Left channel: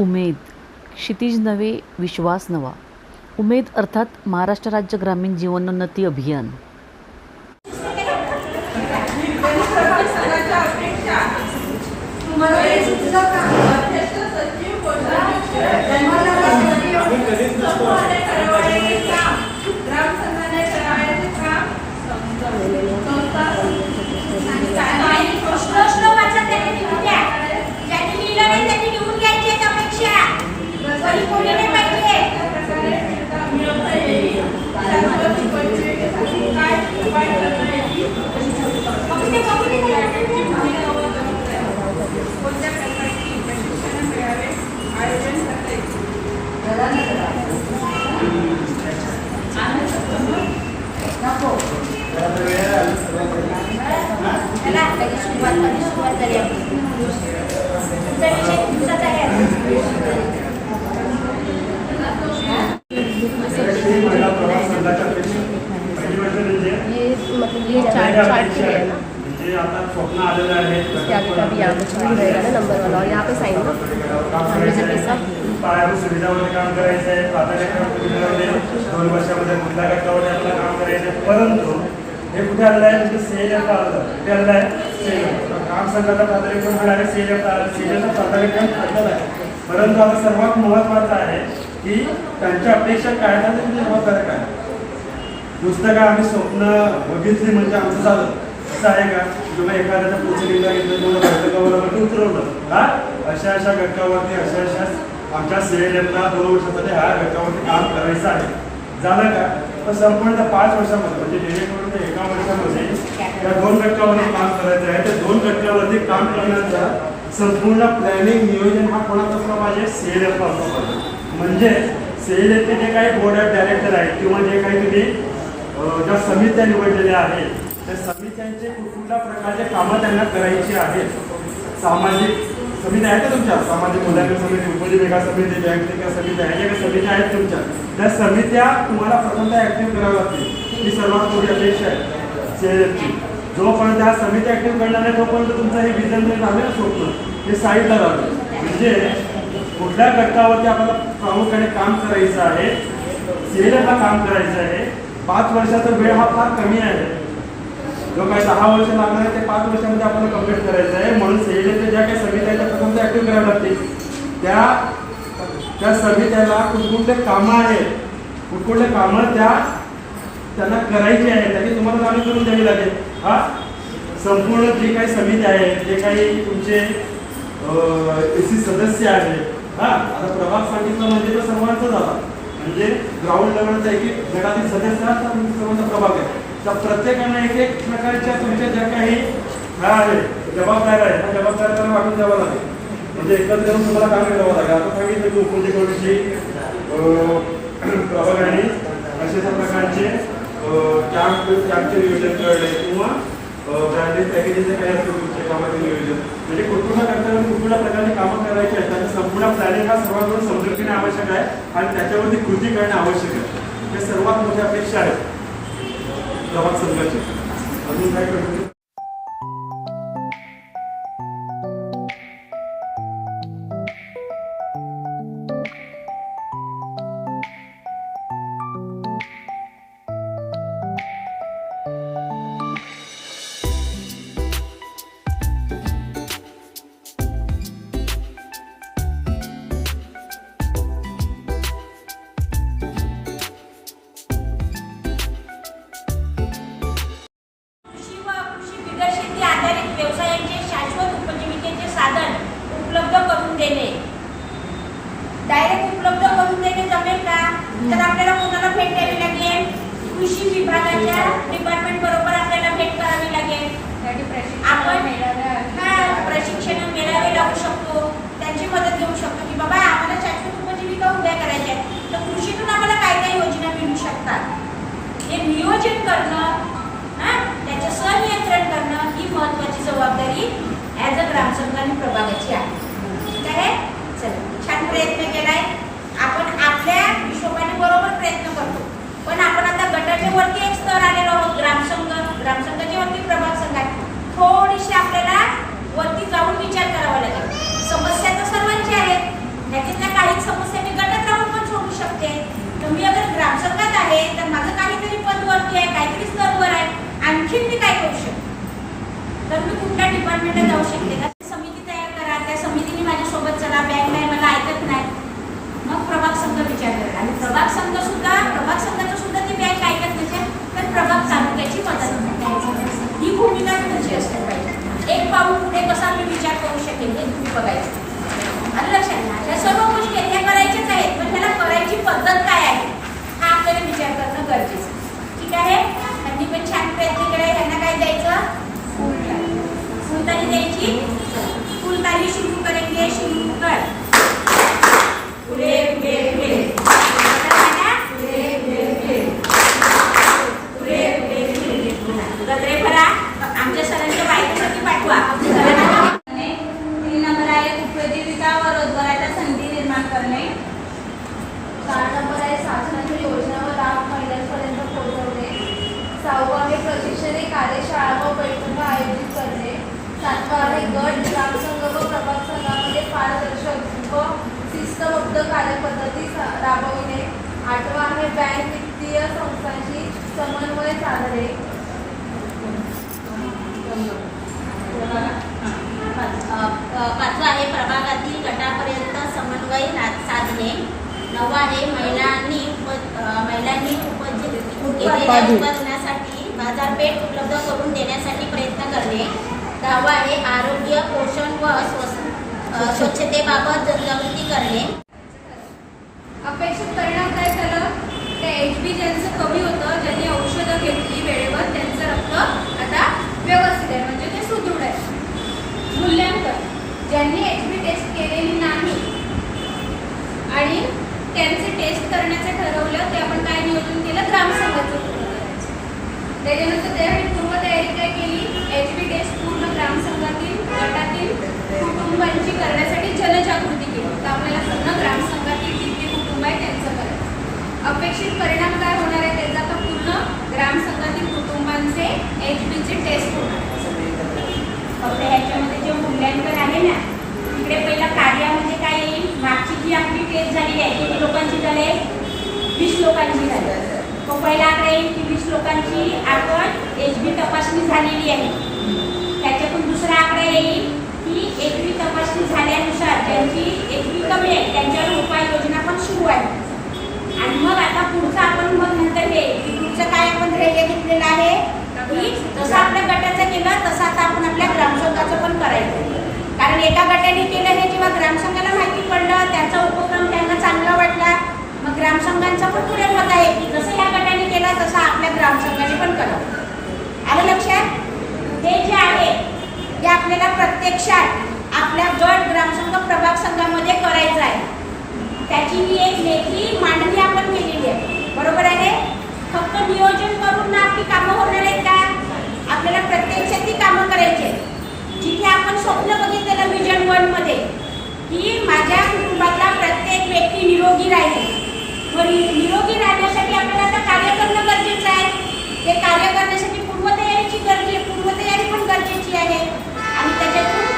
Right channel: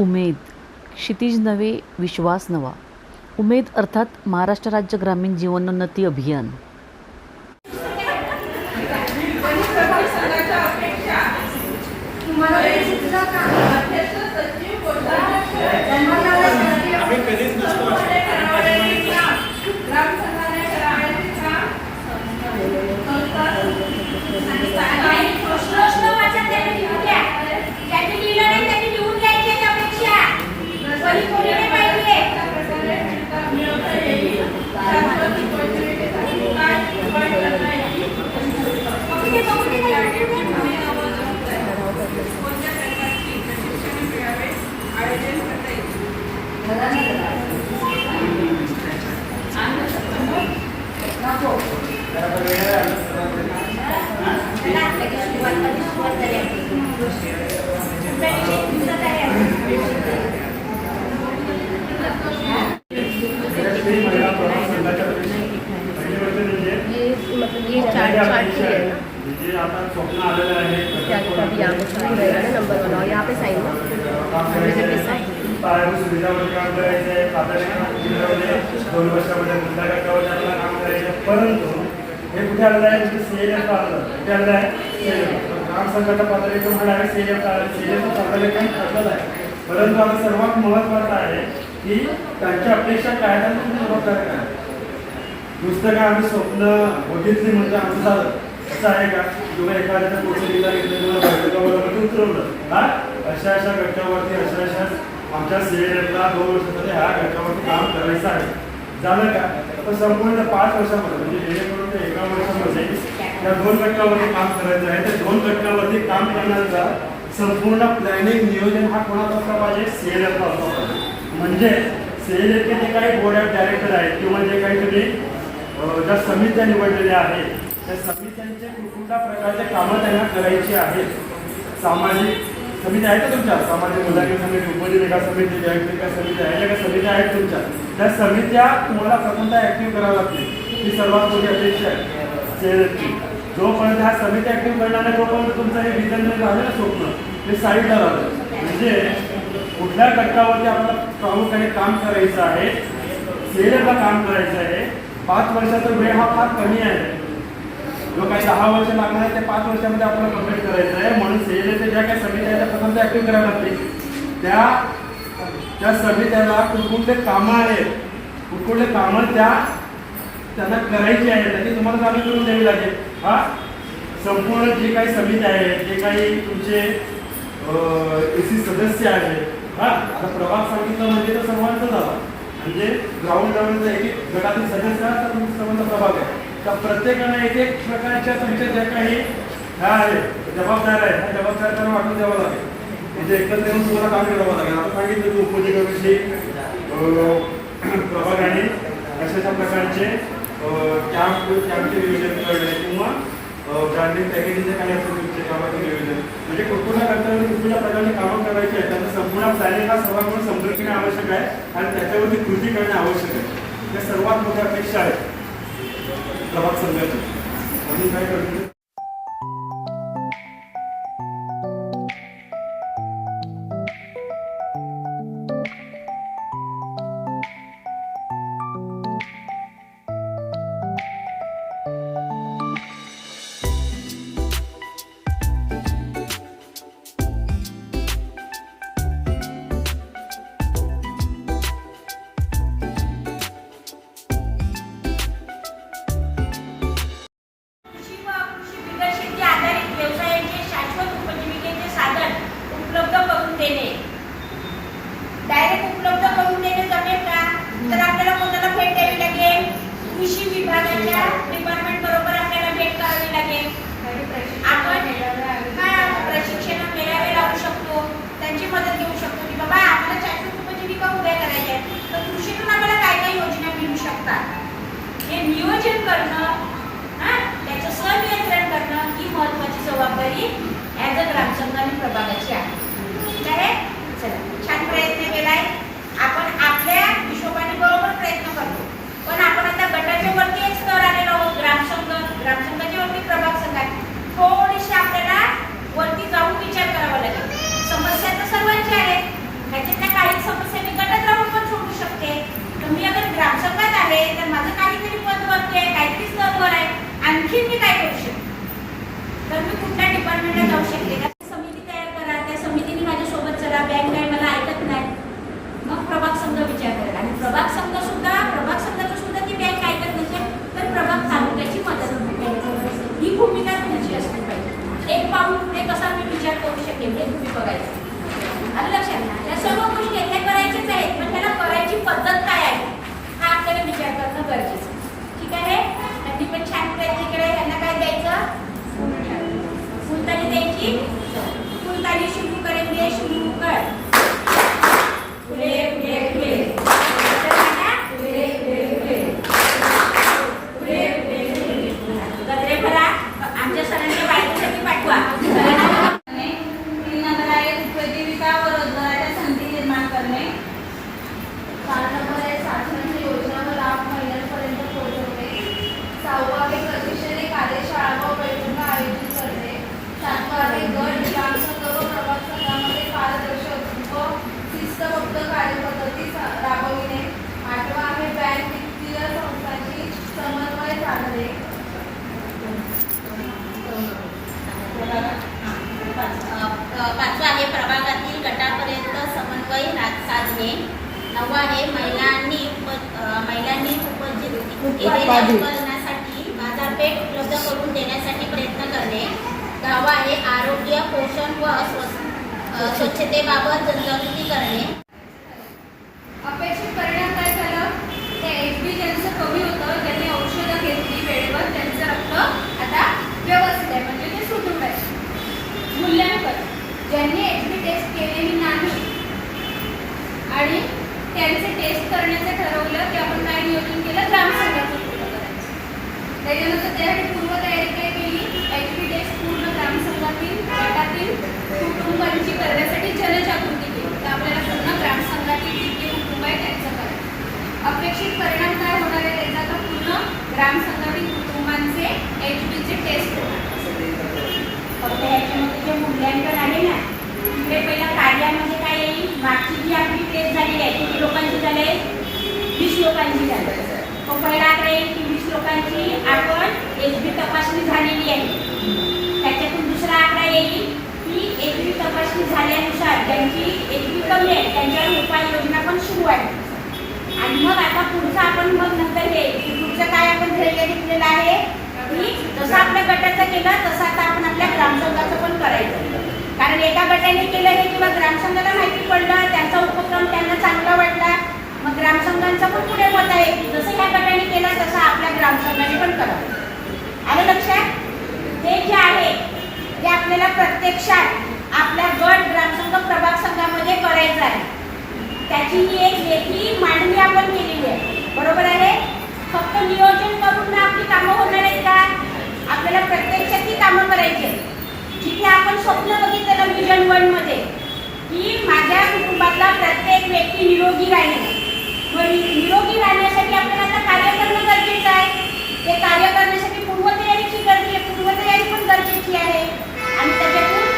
उमेद, क्षितिज नवे विश्वास नवा. उमेद अर्थात महाराष्ट्र राज्य ग्रामीण जीवनोन्नती अभियान. आता स्वप्न आलेलं आहे इसके आगे का भी यहाँ पे चार्ट रहेगा ना, नंबर वाला. और यहाँ पे साइन ना पायाभूत सुविधामध्ये काम करायचं आहे. प्राधान्य 2 वर्षामध्ये मुद्दा गटामध्ये आपल्याला काम करायचं आहे. परंतु हे कुठे आलेलं आहे म्हणजे CLF आलं. कुठे आलेलं आहे CLF ग्राम संघाचा प्राधान्यक्रम आहे. CLF आलं. CLFचा प्राधान्यक्रम ठरलेला आहे. परंतु आता सर्वात महत्त्वाचं आहे की त्यांच्या अपेक्षा काय आहेत आणि जबाबदाऱ्या काय आहेत. नुसतं काय आम्ही स्वप्न बघितली म्हणजे आमचं झालं असं आहे का? किंवा एखाद्याच्या पोस्टिंगला घेतलं किंवा घटकावरती उतरवलं हा अशा घटकावरती अशा आमच्या CLFला 2 वर्षासाठी ह्या घटकावरती काम करायचं आहे. झालं का? पण संपूर्ण 5 वर्षामध्ये म्हणजे जेणेकरून ते 1 वर्षामध्ये या 2 घटकावरती काम करायचं आहे. त्या 2 घटकावरती काम करण्याचा संपूर्ण प्लॅनिंग नियोजन हा कोणाचा असला पाहिजे? CLFला असला पाहिजे. म्हणजे CLFचे जे काही बोर्ड ऑफ डायरेक्टर आहेत किंवा जे काही तुम्ही ज्या समित्या निवडलेल्या आहेत त्या समित्यांचे कुठल्या प्रकारचे कामं त्यांना करायची आहेत. सामाजिक समित्या आहेत का तुमच्या? सामाजिक मूल्यांकन समिती, उपजीविका समिती, जागतिक समित्या आहेत का? समित्या आहेत तुमच्या. त्या समित्या तुम्हाला प्रथमतः ॲक्टिव्ह कराव्या लागतील. ही सर्वात मोठी अपेक्षा आहे CLFची. जोपर्यंत ह्या समित्या ॲक्टिव्ह करणार नाही तोपर्यंत तुमचं हे विजन झालं ना स्वप्न हे साईडला राहतं. म्हणजे कुठल्या घटकावरती आपल्याला प्रामुख्याने काम करायचं आहे, CLFला काम करायचं आहे. 5 वर्षाचा वेळ हा फार कमी आहे. जो काही 10 वर्ष लागणार आहे ते 5 वर्षामध्ये आपल्याला कंप्लीट करायचं आहे. म्हणून CLFच्या ज्या काही समित्या आहेत त्या प्रथम ॲक्टिव्ह कराव्या लागतील. त्या समित्याला कुठकुठले कामं आहेत, कुठकुठले कामं त्यांना करायची आहेत त्याची तुम्हाला चालू करून द्यावी लागेल. हा संपूर्ण जे काही समित्या आहेत, जे काही तुमचे AC सदस्य आहेत, हा आता प्रभाग सांगितलं म्हणजे तर सर्वांचं झालं. म्हणजे ग्राउंड लेवलचा एक गटातील सदस्य असतात तुमचे सर्वांचा प्रभाग आहे. त्या प्रत्येकाने एक प्रकारच्या तुमच्या ज्या काही ह्या आहेत जबाबदाऱ्या आहेत त्या जबाबदाऱ्या त्यांना वाटून द्यावं लागेल. म्हणजे एकत्र येऊन तुम्हाला काम करावं लागेल. आता सांगितलं की उपजीविकेविषयी प्रभागाने अशा प्रकारचे कॅम्पचे नियोजन करणे किंवा ब्रँडिंग पॅकेजिंगचे काही असतं तुमच्या कामाचे नियोजन म्हणजे कुठल्या करताना कुठल्या प्रकारची कामं करायची आहेत. त्याचं संपूर्ण प्लॅनिंग हा सर्वांकडून समजून घेणे आवश्यक आहे आणि त्याच्यावरती कृती करणे आवश्यक आहे. हे सर्वात मोठ्या अपेक्षा आहेत प्रभाग संघाची. अजून काय करतो डायरेक्ट उपलब्ध करून देणे जमेल का? तर आपल्याला कोणाला भेट द्यावी लागेल? कृषी विभागाच्या डिपार्टमेंट बरोबर आपल्याला भेट करावी लागेल. आपण प्रशिक्षण मेळावे लावू शकतो, त्यांची मदत घेऊ शकतो की बाबा आम्हाला शाश्वत उपजीविका उभ्या करायच्या आहेत तर कृषीतून आम्हाला काय काय योजना मिळू शकतात हे नियोजन करणं, त्याचं संनियंत्रण करणं ही महत्त्वाची जबाबदारी ॲज अ ग्रामसंघ आणि प्रभागाची आहे. चला छान प्रयत्न केलाय आपण. आपल्या हिशोबाने बरोबर प्रयत्न करतो पण आपण आता गटाच्या वरती एक स्तर आलेलो आहोत. ग्रामसंघाच्या वरती प्रभाग संघात थोडीशी आपल्याला वरती जाऊन विचार करावा लागेल. समस्या तर सर्वांची आहेत, ह्याचे डिपार्टमेंटला जाऊ शकते का? समिती तयार करा, त्या समितीने माझ्यासोबत चला, बँक नाही मला ऐकत नाही, मग प्रभाग संघ विचार करा. आणि प्रभाग संघाचं सुद्धा ती बँक ऐकत नसेल तर प्रभाग तालुक्याची मदत घ्यायची. ही भूमिका तुमची असते पाहिजे. एक पाऊल पुढे कसा मी विचार करू शकेल ते तुम्ही बघायचं. आणि लक्षात घ्या, या सर्व गोष्टी ह्या करायच्याच आहेत, पण त्याला करायची पद्धत काय आहे हा आपल्याला विचार करणं गरजेचं. ठीक आहे, त्यांनी पण छान प्रयत्न केले. ह्यांना काय द्यायचं? फुलताली द्यायची. फुलताली शुरू करेंगे, शुरू कर. पुढे पुढे पुढे गजरे भरा. आमच्या सरांच्या बायकोसाठी पाठवा. 3 नंबर आहे उपजीविका व रोजगाराच्या संधी निर्माण करणे. 4 नंबर आहे शासनाच्या योजना व लाभ महिलांपर्यंत पोहोचवणे. 6वा आहे प्रशिक्षणे कार्यशाळा व बैठका आयोजित करणे. 7वा आहे गट ग्रामसंघ व प्रभाग संघामध्ये पारदर्शक व शिस्तबद्ध कार्यपद्धती राबविणे. 8वा आहे बँक वित्तीय संस्थांशी समन्वय साधणे. 5वा आहे प्रभागातील गटापर्यंत समन्वय साधणे. 9वा आहे महिलांनी केलेल्या उत्पादनासाठी बाजारपेठ उपलब्ध करून देण्यासाठी प्रयत्न करणे. 10वा आहे आरोग्य, पोषण व स्वच्छतेबाबत जनजागृती करणे. अपेक्षित परिणाम काय झालं? ते HB ज्यांचं कमी होतं, ज्यांनी औषधं घेतली वेळेवर, त्यांचं रक्त आता व्यवस्थित आहे, म्हणजे ते सुदृढ आहे. मूल्यांकन, ज्यांनी HB टेस्ट केलेली नाही आणि त्यांचे टेस्ट करण्याचं ठरवलं, ते आपण काय नियोजन केलं? ग्रामसंघाचं पूर्ण करायचं. त्याच्यानंतर त्यासाठी पूर्वतयारी काय केली? HB टेस्ट पूर्ण ग्रामसंघातील गटातील कुटुंबांची करण्यासाठी जनजागृती केली. तर आपल्याला पूर्ण ग्रामसंघातील किती कुटुंब आहे त्यांचं करायचं. अपेक्षित परिणाम काय होणार आहे त्याचा? तर पूर्ण ग्रामसंघातील कुटुंबांचे HBचे टेस्ट होणार. फक्त ह्याच्यामध्ये जे मूल्यांकन आहे ना, तिकडे पहिला कार्यामध्ये काय येईल? मागची जी आपली टेस्ट झालेली आहे किती लोकांची झाली? 20 लोकांची झाली. तो पहिला आकडा येईल की 20 लोकांची आपण HB तपासणी झालेली आहे. त्याच्यातून दुसरा आकडा येईल की HB तपासणी झाल्यानुसार ज्यांची HB कमी आहे त्यांच्यावर उपाययोजना पण सुरू आहे. आणि मग आता पुढचं आपण मग नंतर हे पुढचं काय आपण ध्येय घेतलेलं आहे की जसं आपल्या गटाचं केलं तसं आता आपण आपल्या ग्रामसंघाचं पण करायचं. कारण एका गटाने केलं हे किंवा ग्रामसंघाला माहिती पडलं, त्यांचा उपक्रम त्यांना चांगला वाटला, मग ग्रामसंघांचा पण पुढे मत आहे की जसं ह्या गटाने केला तसं आपल्या ग्रामसंघाने पण करावं. आलं लक्षात? हे जे आहे ते आपल्याला प्रत्यक्षात आपल्या गट, ग्रामसंघ, प्रभाग संघामध्ये करायचं आहे. त्याची ही एक लेखी मांडणी आपण केलेली आहे. बरोबर आहे? फक्त नियोजन करून ना आपली कामं होणार आहेत का? आपल्याला प्रत्यक्षात ती कामं करायची आहेत. जिथे आपण स्वप्न बघितलेलं विजन 1 मध्ये की माझ्या कुटुंबातला प्रत्येक व्यक्ती निरोगी राहील. मग निरोगी राहण्यासाठी आपल्याला आता कार्य करणं गरजेचं आहे. ते कार्य करण्यासाठी पूर्वतयारी पण गरजेची आहे. आणि त्याच्यातून